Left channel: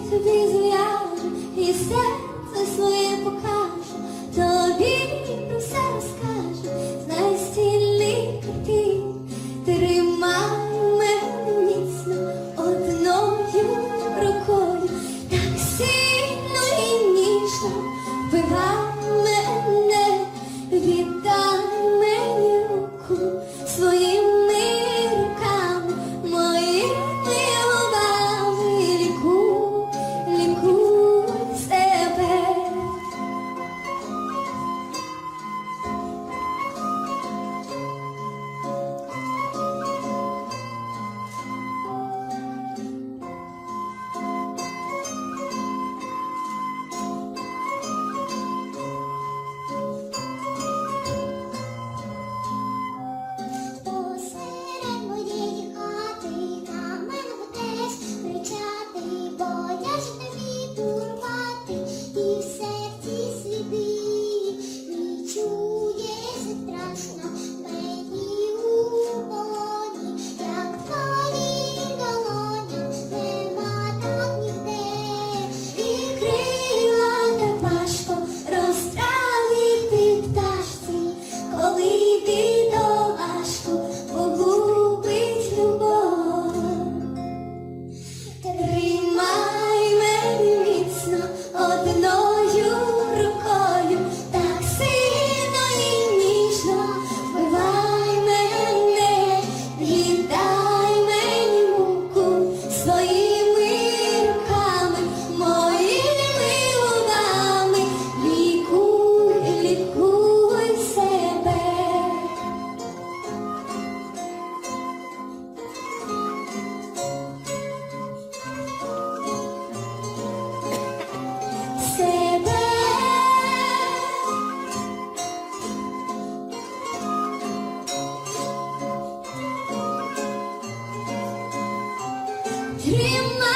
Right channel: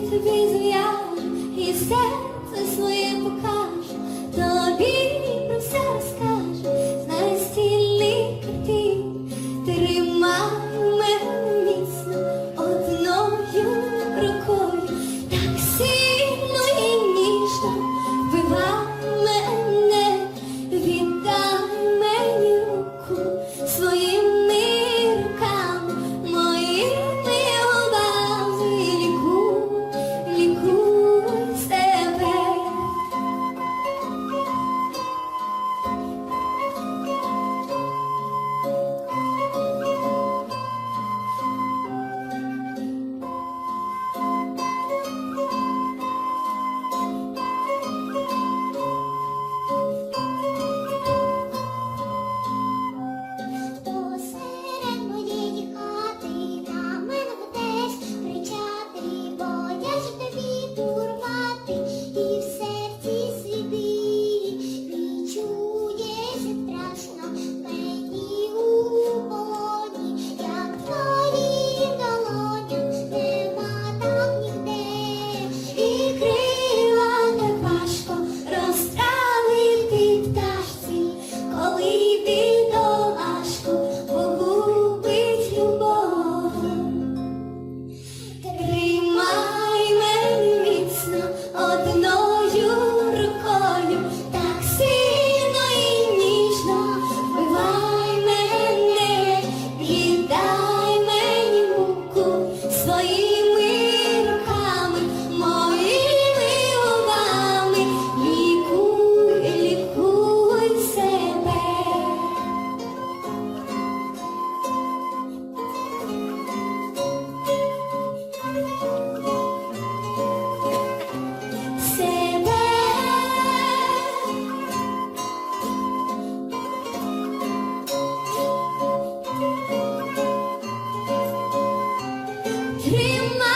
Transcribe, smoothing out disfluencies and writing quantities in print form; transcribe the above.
тобі зв'яжу, і серце своє покажу, тобі про все розкажу, знай стільний картин, тримай мене міцно одною рукою, так сильно і ніжно вбивай мене, віддай мені руку своїми руками, моїми губами, лікуй себе. Посеред моєї хати на мене будеш кричати, бодяж тобі турмати, і в серці сліди відчуєш страшно мені у полоні, як твоїм долоням нема там ніде, і крила так важко розправити пташці, коли бідолашку погубить любов. Тримай мене міцно одною рукою, так сильно і ніжно вбивай мене, віддай мені муку своїми руками, моїми губами, лікуй себе. Себе. Тримай